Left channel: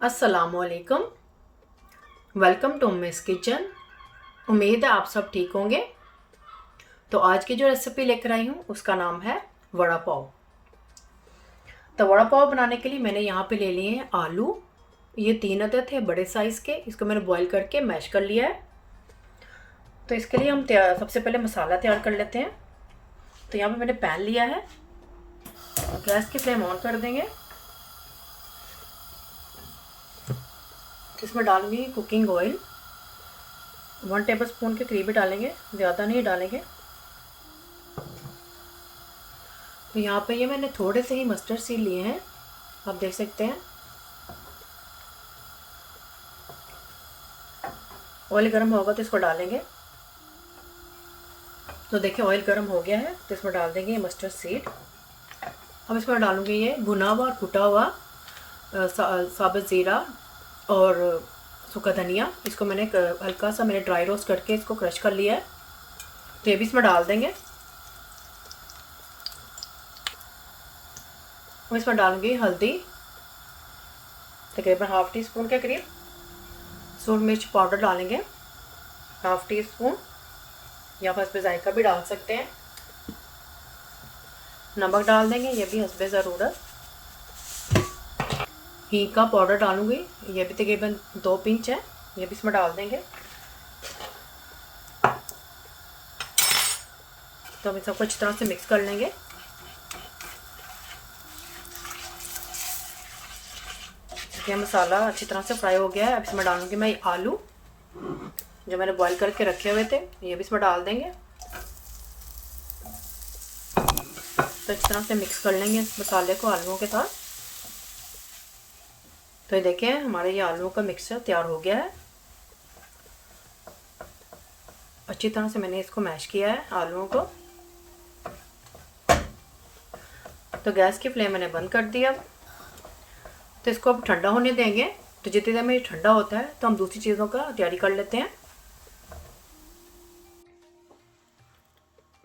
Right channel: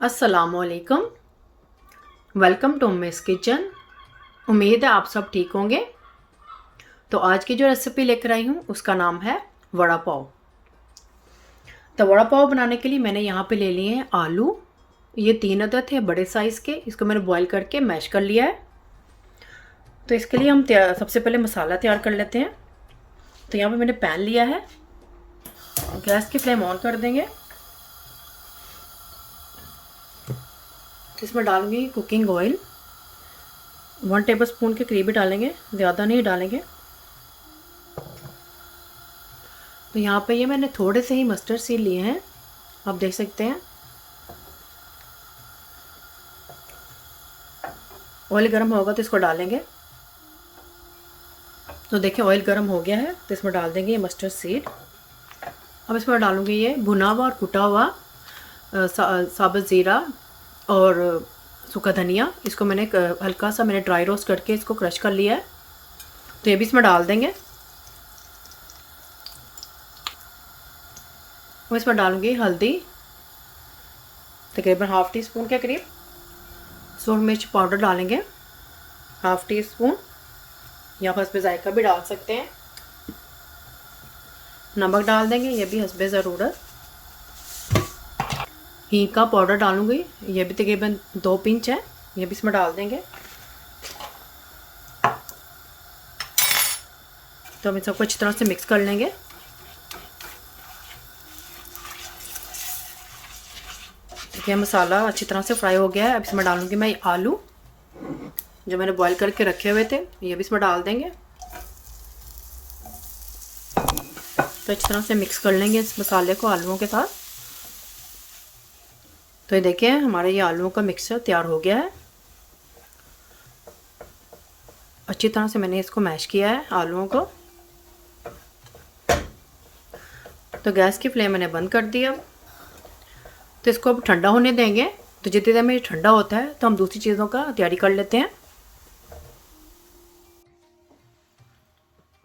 अस्सलामुअलैकुम। Welcome to Miss Kitchen. उम्मीद है आप सब ठीक होंगे। तो आज की जो रेसिपी लेकर आई हूँ उसका नाम है वड़ा पाव। तो वड़ा पाव बनाने के लिए मैंने यहाँ पे ले लिए हैं आलू। ये 3 अदद है बड़े साइज़ के। इसको मैंने बॉईल करके मैश कर लिया है। तो इसके लिए हम सबसे पहले मसाला तैयार कर लेते हैं। तो यहाँ पे मैंने पैन लिया है। गैस की फ्लेम ऑन कर देंगे। इसमें डालूंगी कुकिंग ऑयल। 1 टेबल स्पून के करीब ही डालेंगे, ज़्यादा नहीं डालेंगे। तो यहाँ पे ये मैंने थोड़े से ही मस्टर्ड सीड लिए हैं, आप देख सकते हैं। ऑयल गर्म होगा तो इसको डालेंगे। तो देखिए ऑयल गर्म हो गया है, तो इसमें डाल देंगे ये मस्टर्ड सीड। अब इसमें डालूंगी ये भुना हुआ और कुटा हुआ साबुत ज़ीरा और सूखा धनिया। इसको मैंने हल्का सा ड्राई रोस्ट करके इसको क्रश कर लिया है। तो ये भी इसमें डाल देंगे। अब इसमें डालूंगी हल्दी, तकरीबन ½ टी स्पून के करीब। सूरज मिर्च पाउडर डालेंगे ½ टी स्पून, या फिर इसमें जायका भी डाल सकते हैं। नमक डाल देंगे, ये भी हस्बे ज़रूरत। हींग का पाउडर डालूंगी, ये भी तकरीबन 2 पिंच है, ये भी इसमें डाल देंगे। तो हम इन सबको अच्छी तरह से मिक्स कर लेंगे। ये मसाला अच्छी तरह से फ्राई हो गया है। अब इसमें डालूंगी मैं आलू जो मैंने बॉईल करके रखे हुए थे, ये भी इसमें डाल देंगे। तो अच्छी तरह से मिक्स कर लेंगे इस मसाले को आलूओं के साथ। तो ये देखिए हमारे ये आलूओं का मिक्सचर तैयार हो गया है। अच्छी तरह से मैंने इसको मैश किया है आलूओं को। तो गैस की फ्लेम मैंने बंद कर दी। अब तो इसको अब ठंडा होने देंगे। तो जितनी देर में ये ठंडा होता है तो हम दूसरी चीज़ों का तैयारी कर लेते हैं।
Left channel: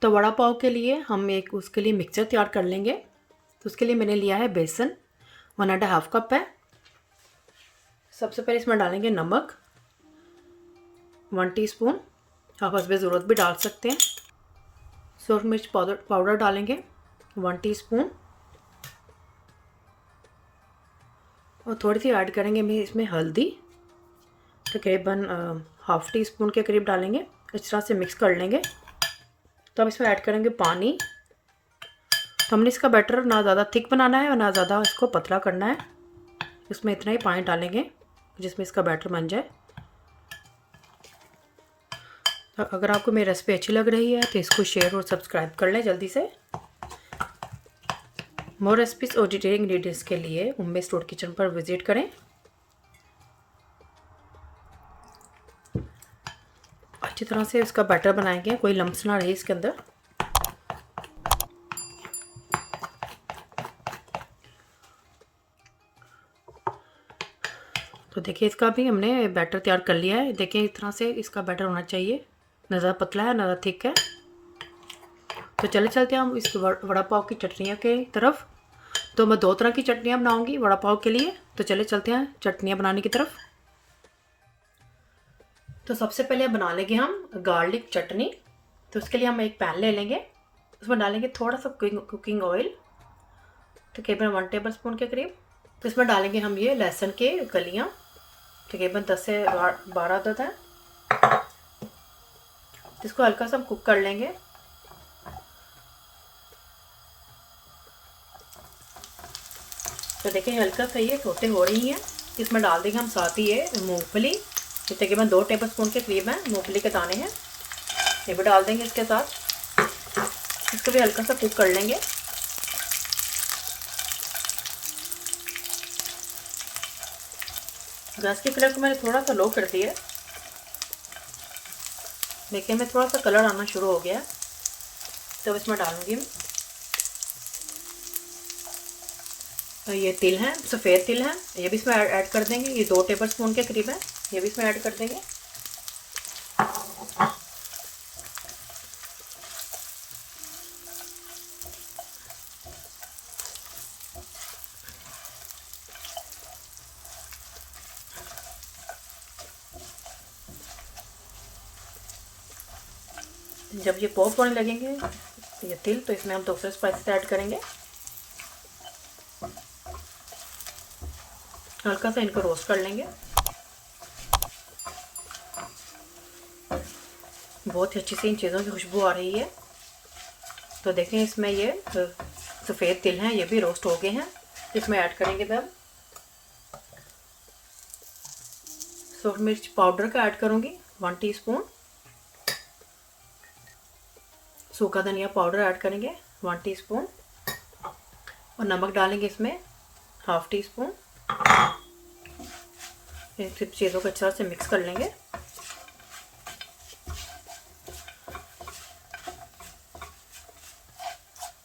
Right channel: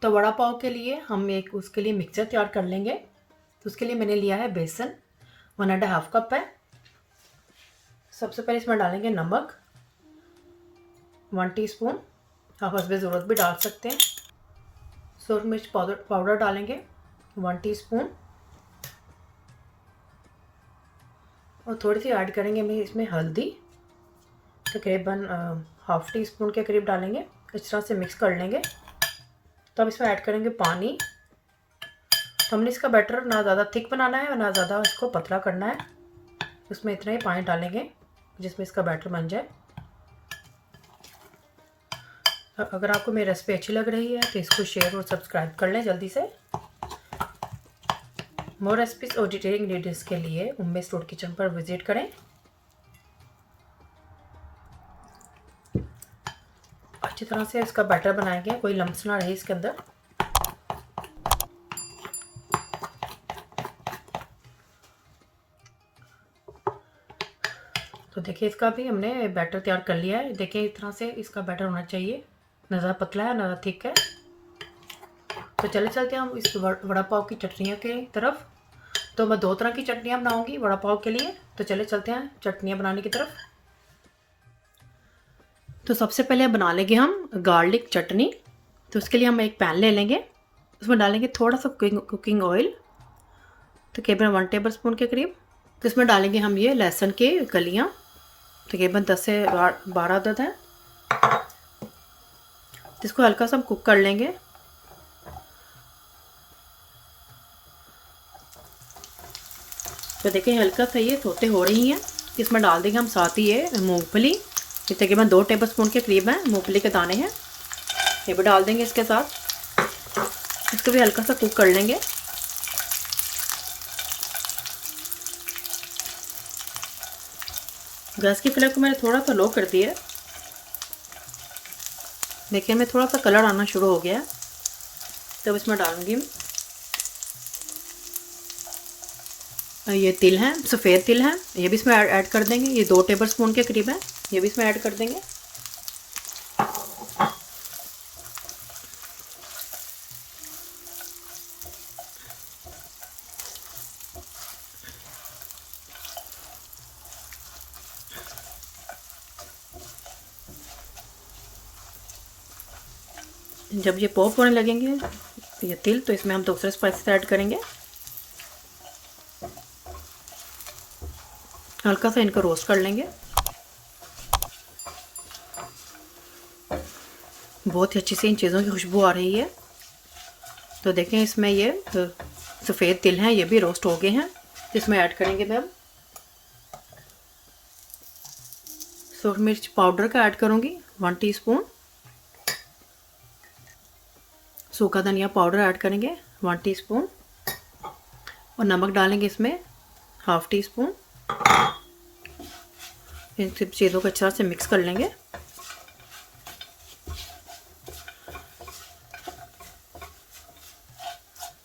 तो वड़ा पाव के लिए हम उसके लिए मिक्सचर तैयार कर लेंगे। तो उसके लिए मैंने लिया है बेसन, 1½ कप है। सबसे पहले इसमें डालेंगे नमक 1 टीस्पून, आप हस्बे ज़रूरत भी डाल सकते हैं। सूरज मिर्च पाउडर डालेंगे 1 टीस्पून, और थोड़ी सी ऐड करेंगे मैं इसमें हल्दी, तकरीबन ½ टीस्पून के करीब डालेंगे। इस तरह से मिक्स कर लेंगे। तो अब इसमें ऐड करेंगे पानी। तो हमने इसका बैटर ना ज़्यादा थिक बनाना है और ना ज़्यादा इसको पतला करना है। इसमें इतना ही पानी डालेंगे जिसमें इसका बैटर बन जाए। अगर आपको मेरी रेसिपी अच्छी लग रही है तो इसको शेयर और सब्सक्राइब कर लें जल्दी से। मोर रेसिपीज और डिटेल इंग्रेडिएंट्स के लिए उम्मीद फूड किचन पर विजिट करें। अच्छी तरह से इसका बैटर बनाएंगे, कोई लम्स ना रहे इसके अंदर। तो देखिए इसका भी हमने बैटर तैयार कर लिया है। देखिए इस तरह से इसका बैटर होना चाहिए, ना ज़्यादा पतला है ना ज़्यादा थिक है। तो चले चलते हैं हम इस वड़ा पाव की चटनियों के तरफ। तो मैं 2 तरह की चटनियाँ बनाऊंगी वड़ा पाव के लिए। तो चले चलते हैं चटनियाँ बनाने की तरफ। तो सबसे पहले बना लेंगे हम गार्लिक चटनी। तो उसके लिए हम एक पैन ले लेंगे, उसमें डालेंगे थोड़ा सा कुकिंग ऑयल, तकरीबन 1 टेबल स्पून के करीब। तो इसमें डालेंगे हम ये लहसुन के कलियाँ, तकरीबन 10 से 12 अदद है। इसको हल्का सा हम कुक कर लेंगे। तो देखिए हल्का सा ये सोते हो रही हैं। इसमें डाल देंगे हम साथ ही ये मूंगफली, ये तकरीबन 2 टेबल स्पून के करीब हैं मूंगफली के दाने हैं, ये भी डाल देंगे इसके साथ। इसको भी हल्का सा कुक कर लेंगे। गैस की फ्लेम को मैंने थोड़ा सा लो कर दिया है। देखिए हमें थोड़ा सा कलर आना शुरू हो गया है। तो इसमें डालूंगी ये तिल हैं, सफ़ेद तिल हैं, ये भी इसमें ऐड कर देंगे। ये 2 टेबल स्पून के करीब है, ये भी इसमें ऐड कर देंगे। जब ये पॉप होने लगेंगे ये तिल, तो इसमें हम दूसरे स्पाइसेस ऐड करेंगे। हल्का सा इनको रोस्ट कर लेंगे। बहुत ही अच्छी सी इन चीज़ों की खुशबू आ रही है। तो देखें इसमें ये सफ़ेद तिल हैं, ये भी रोस्ट हो गए हैं। इसमें ऐड करेंगे मैं सूरज मिर्च पाउडर का ऐड करूँगी 1 टीस्पून। सूखा धनिया पाउडर ऐड करेंगे 1 टीस्पून। और नमक डालेंगे इसमें 1/2 टीस्पून। इन सब चीज़ों को अच्छे से मिक्स कर लेंगे।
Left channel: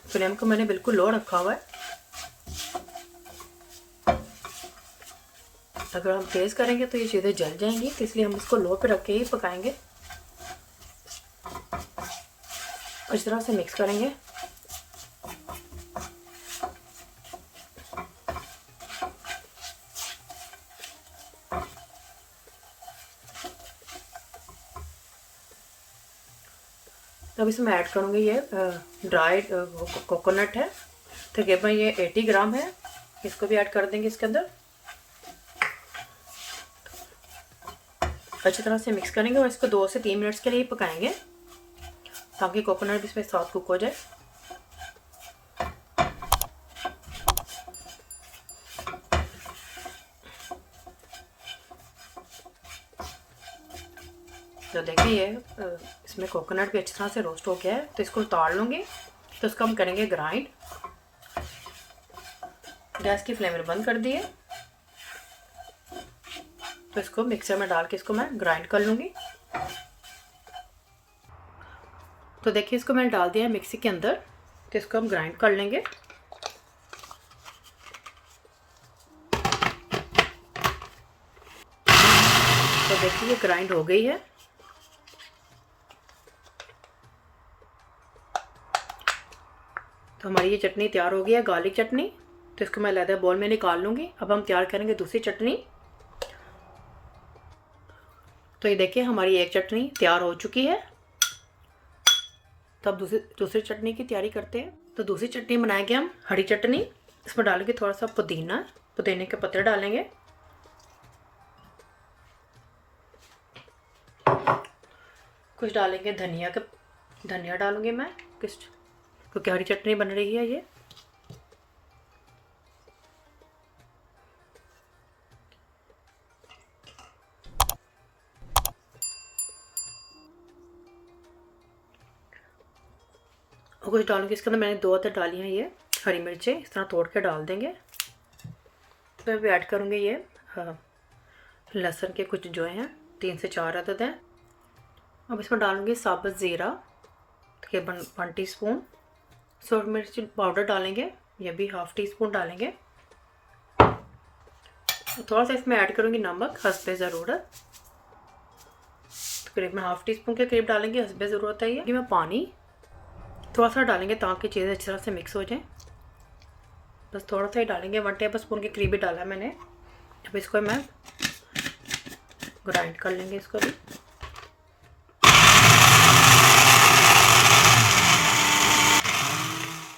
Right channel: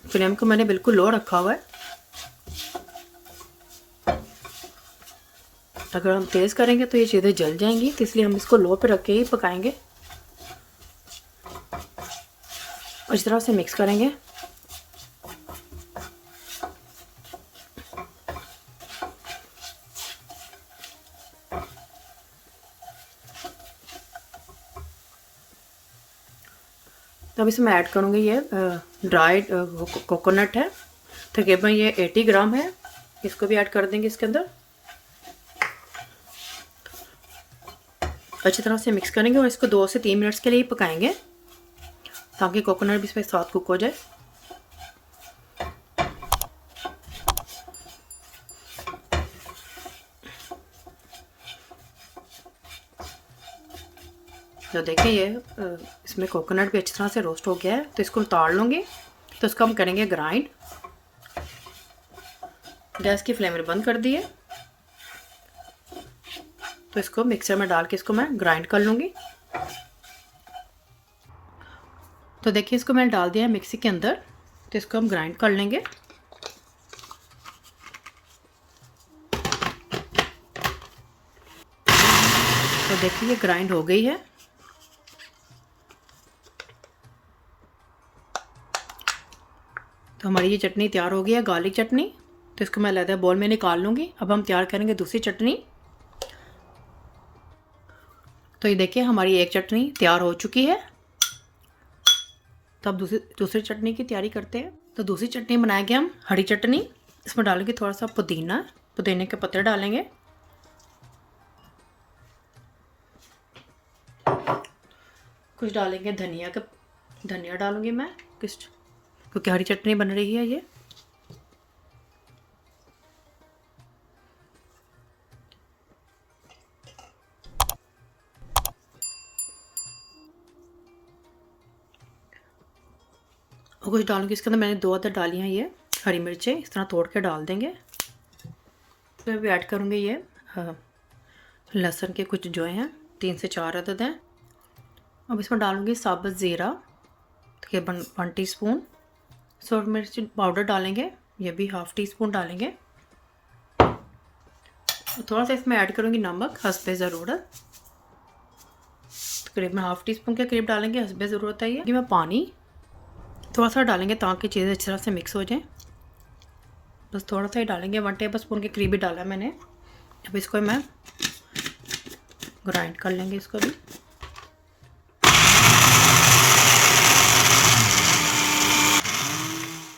फ्लेम को मैंने बिल्कुल लो रखा हुआ है। अगर हम तेज़ करेंगे तो ये चीज़ें जल जाएंगी, तो इसलिए हम इसको लो पे रख के ही पकाएंगे। इस तरह से मिक्स करेंगे। अब इसमें ऐड करूँगी ये ड्राइड कोकोनट है, तकरीबन ये 80 ग्राम है। इसको भी ऐड कर देंगे इसके अंदर। अच्छी तरह से मिक्स करेंगे और इसको 2 से 3 मिनट्स के लिए पकाएंगे ताकि कोकोनट भी इसमें साथ कुक हो जाए। तो देखिए ये इसमें कोकोनट भी अच्छी तरह से रोस्ट हो गया है, तो इसको उतार लूँगी। तो इसको हम करेंगे ग्राइंड। गैस की फ्लेम बंद कर दी है। तो इसको मिक्सर में डाल के इसको मैं ग्राइंड कर लूँगी। तो देखिए इसको मैंने डाल दिया है मिक्सी के अंदर, तो इसको हम ग्राइंड कर लेंगे। तो देखिए ये ग्राइंड हो गई है। तो हमारी ये चटनी तैयार हो गई है, गार्लिक चटनी। तो इसको मैं अलग बोल में निकाल लूँगी। अब हम तैयार करेंगे दूसरी चटनी। तो ये देखिए हमारी एक चटनी तैयार हो चुकी है। तो अब दूसरी चटनी की तैयारी करते हैं। तो दूसरी चटनी बनाएंगे हम हरी चटनी। इसमें डालेंगे थोड़ा सा पुदीने के पत्ते डालेंगे। कुछ डालेंगे धनिया डालूंगी मैं कुछ, क्योंकि हरी चटनी बन रही है ये। और कुछ डालूंगी इसके अंदर, मैंने 2 अदर डाली हैं ये हरी मिर्चें, इस तरह तोड़ के डाल देंगे। फिर भी ऐड करूँगी ये लहसुन के कुछ जो हैं 3 से 4 अदद हैं। अब इसमें डालूंगी साबुत ज़ीरा तकरीबन 1 टीस्पून। सूरज मिर्च पाउडर डालेंगे, ये भी 1/2 टीस्पून डालेंगे। थोड़ा सा इसमें ऐड करूँगी नमक हस्बे ज़रूरत, तकरीबन 1/2 टीस्पून के करीब डालेंगे, हस्बे ज़रूरत है ये। मैं पानी थोड़ा सा डालेंगे ताकि चीज़ें अच्छी तरह से मिक्स हो जाएं। बस थोड़ा सा ही डालेंगे, 1 टेबल स्पून के करीब ही डाला मैंने। अब इसको मैं ग्राइंड कर लेंगे इसको भी।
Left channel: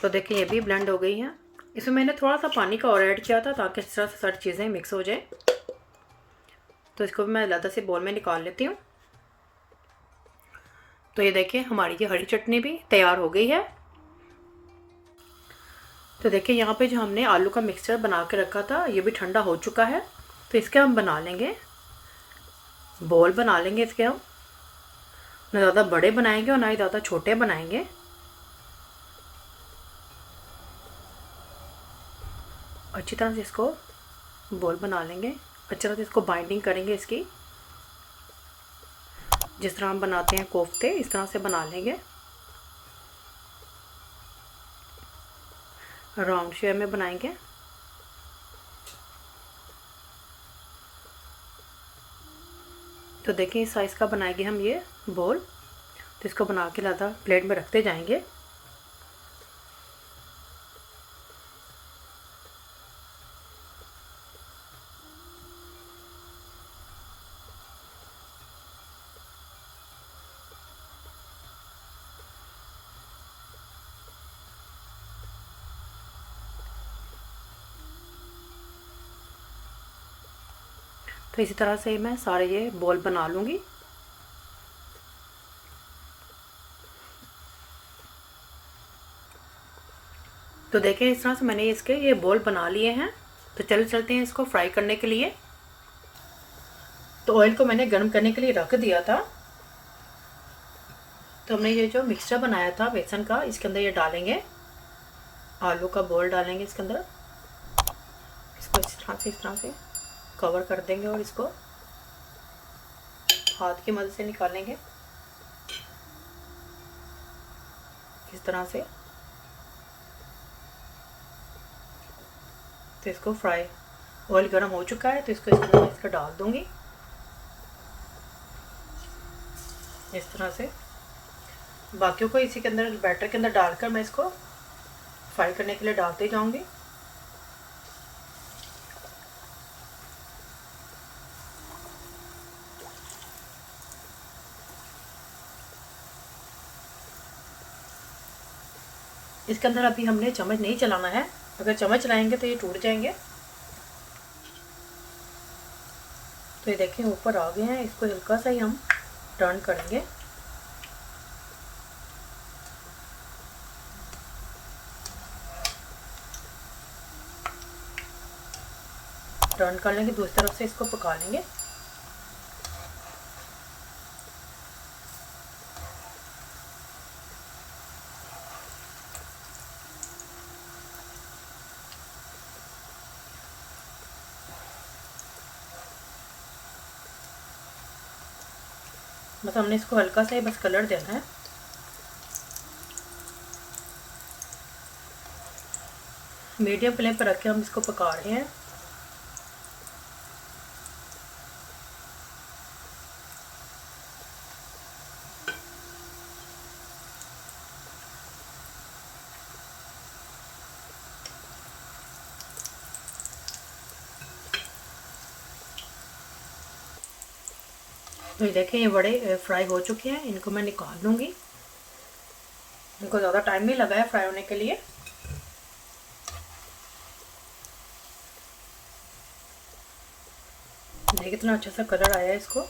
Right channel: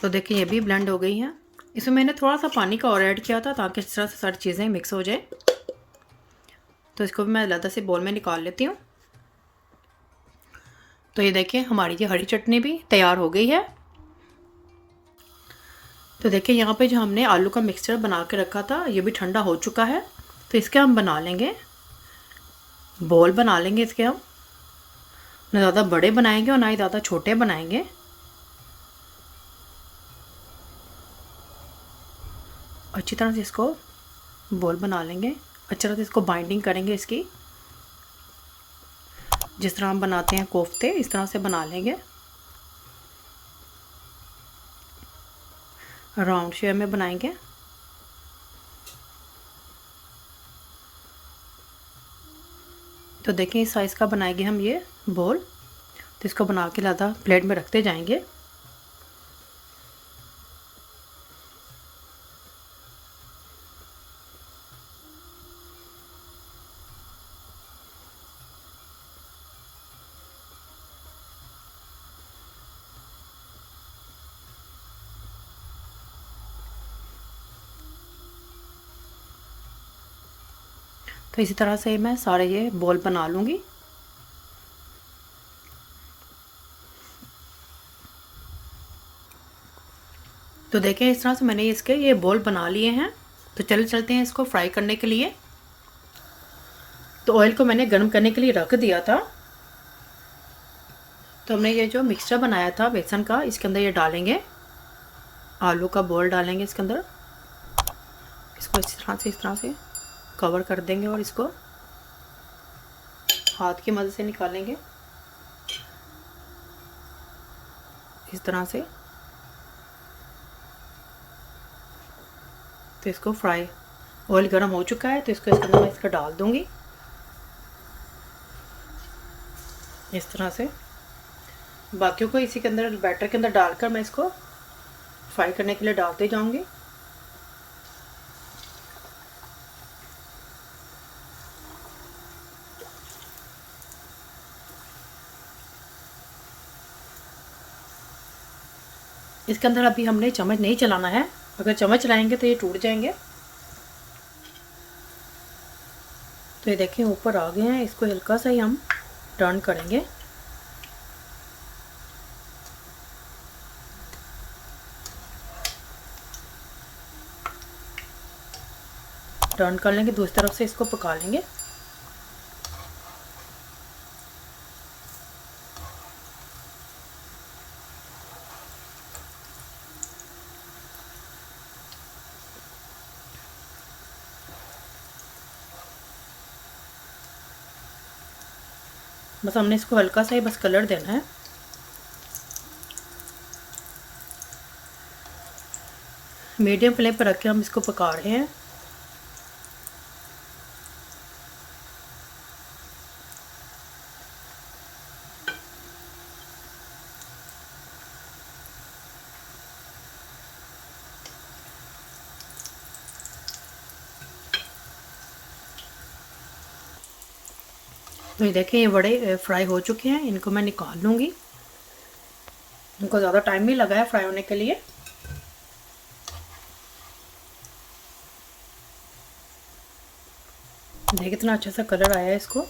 तो देखिए ये भी ब्लेंड हो गई है। इसमें मैंने थोड़ा सा पानी का और ऐड किया था ताकि इस तरह से सारी चीज़ें मिक्स हो जाए। तो इसको भी मैं अलग से बोल में निकाल लेती हूँ। तो ये देखिए हमारी ये हरी चटनी भी तैयार हो गई है। तो देखिए यहाँ पे जो हमने आलू का मिक्सचर बना के रखा था ये भी ठंडा हो चुका है। तो इसके हम बना लेंगे बॉल बना लेंगे इसके। हम ना ज़्यादा बड़े बनाएंगे और ना ही ज़्यादा छोटे बनाएंगे। अच्छी तरह से इसको बॉल बना लेंगे, अच्छी तरह से इसको बाइंडिंग करेंगे इसकी। जिस तरह हम बनाते हैं कोफ्ते, इस तरह से बना लेंगे। राउंड शेप में बनाएंगे। तो देखिए इस साइज़ का बनाएंगे हम ये बॉल। तो इसको बना के ज़्यादा प्लेट में रखते जाएंगे। तो इसी तरह से मैं सारे ये बॉल बना लूँगी। तो देखें इस तरह से मैंने इसके ये बॉल बना लिए हैं। तो चलते हैं इसको फ्राई करने के लिए। तो ऑयल को मैंने गर्म करने के लिए रख दिया था। तो हमने ये जो मिक्सचर बनाया था बेसन का, इसके अंदर ये डालेंगे, आलू का बॉल डालेंगे इसके अंदर। इसको इस तरह से कवर कर देंगे और इसको हाथ की मदद से निकालेंगे इस तरह से। तो इसको फ्राई, ऑयल गर्म हो चुका है तो इसको इसके अंदर इसका डाल दूंगी इस तरह से। बाकियों को इसी के अंदर बैटर के अंदर डालकर मैं इसको फ्राई करने के लिए डालते जाऊंगी। इसके अंदर अभी हमने चम्मच नहीं चलाना है, अगर चम्मच चलाएंगे तो ये टूट जाएंगे। तो ये देखें ऊपर आ गए हैं, इसको हल्का सा ही हम टर्न करेंगे। टर्न कर लेंगे, दूसरी तरफ से इसको पका लेंगे। बस हमने इसको हल्का सा ही बस कलर देना है। मीडियम फ्लेम पर रख के हम इसको पका रहे हैं। तो ये देखें ये बड़े फ्राई हो चुके हैं, इनको मैं निकाल लूँगी। इनको ज़्यादा टाइम नहीं लगा है फ्राई होने के लिए। देखिए कितना अच्छा सा कलर आया है इसको।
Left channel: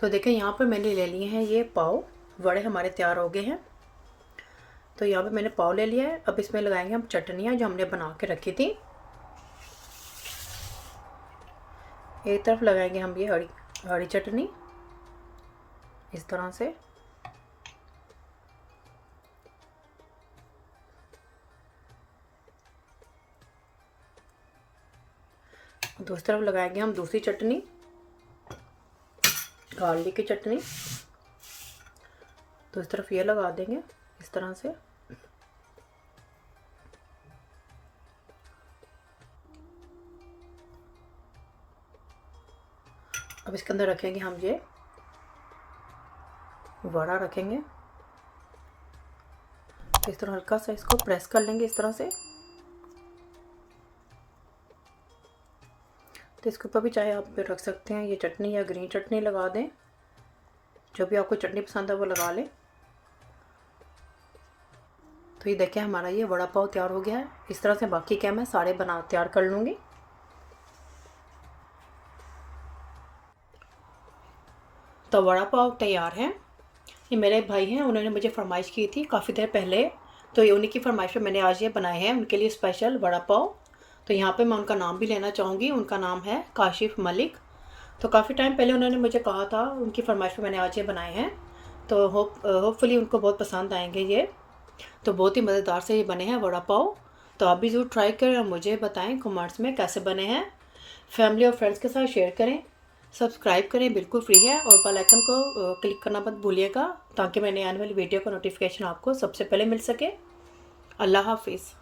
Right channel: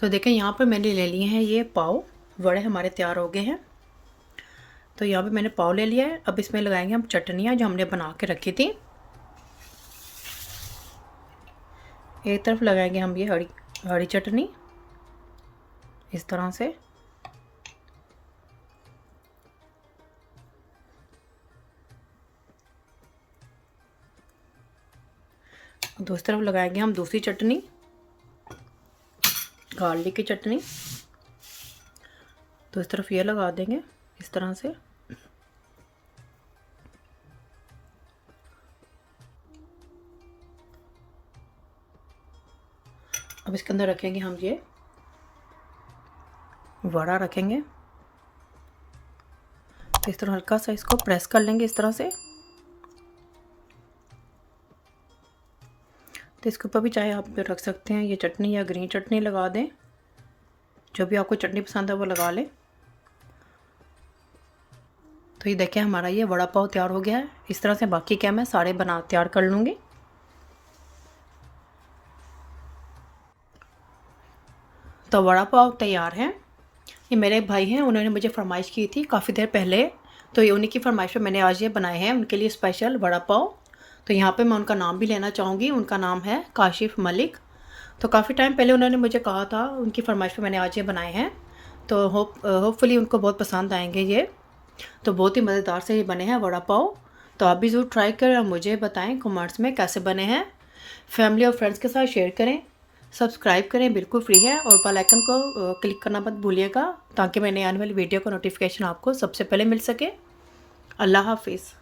तो देखें यहाँ पर मैंने ले लिए हैं ये पाव, वड़े हमारे तैयार हो गए हैं। तो यहाँ पे मैंने पाव ले लिया है। अब इसमें लगाएंगे हम चटनियाँ जो हमने बना के रखी थी। एक तरफ लगाएंगे हम ये हरी चटनी इस तरह से। दूसरी तरफ लगाएंगे हम दूसरी चटनी, गार्लिक की चटनी। तो इस तरफ ये लगा देंगे इस तरह से। अब इसके अंदर रखेंगे हम ये वड़ा रखेंगे। इस तरह हल्का सा इसको प्रेस कर लेंगे इस तरह से। तो इसके ऊपर भी चाहे आप रख सकते हैं ये चटनी या ग्रीन चटनी लगा दें, जो भी आपको चटनी पसंद है वो लगा लें। तो ये देखें हमारा ये वड़ा पाव तैयार हो गया है। इस तरह से बाकी क्या मैं सारे बना तैयार कर लूँगी। तो वड़ा पाव तैयार है। ये मेरे एक भाई हैं, उन्होंने मुझे फरमाइश की थी काफ़ी देर पहले, तो ये उन्हीं की फरमाइश पे मैंने आज ये बनाए हैं उनके लिए स्पेशल वड़ा पाव। तो यहाँ पे मैं उनका नाम भी लेना चाहूँगी, उनका नाम है काशिफ मलिक। तो काफ़ी टाइम पहले उन्होंने मुझे कहा था, उनकी फरमाइश पे मैंने आज ये बनाए हैं। तो होपफुली उनको बहुत पसंद आएंगे ये। तो बहुत ही मज़ेदार से ये बने हैं वड़ा पाव। तो आप भी ज़रूर ट्राई करें और मुझे बताएं कमेंट्स में कैसे बने हैं। फैमिली और फ्रेंड्स के साथ शेयर करें, सब्सक्राइब करें, बिल्कुल फ्री है। और बेल आइकन को क्लिक करना मत भूलिएगा, ताकि मैंने आने वाली वीडियो का नोटिफिकेशन आपको सबसे पहले मिल सके। अल्लाह हाफिज़।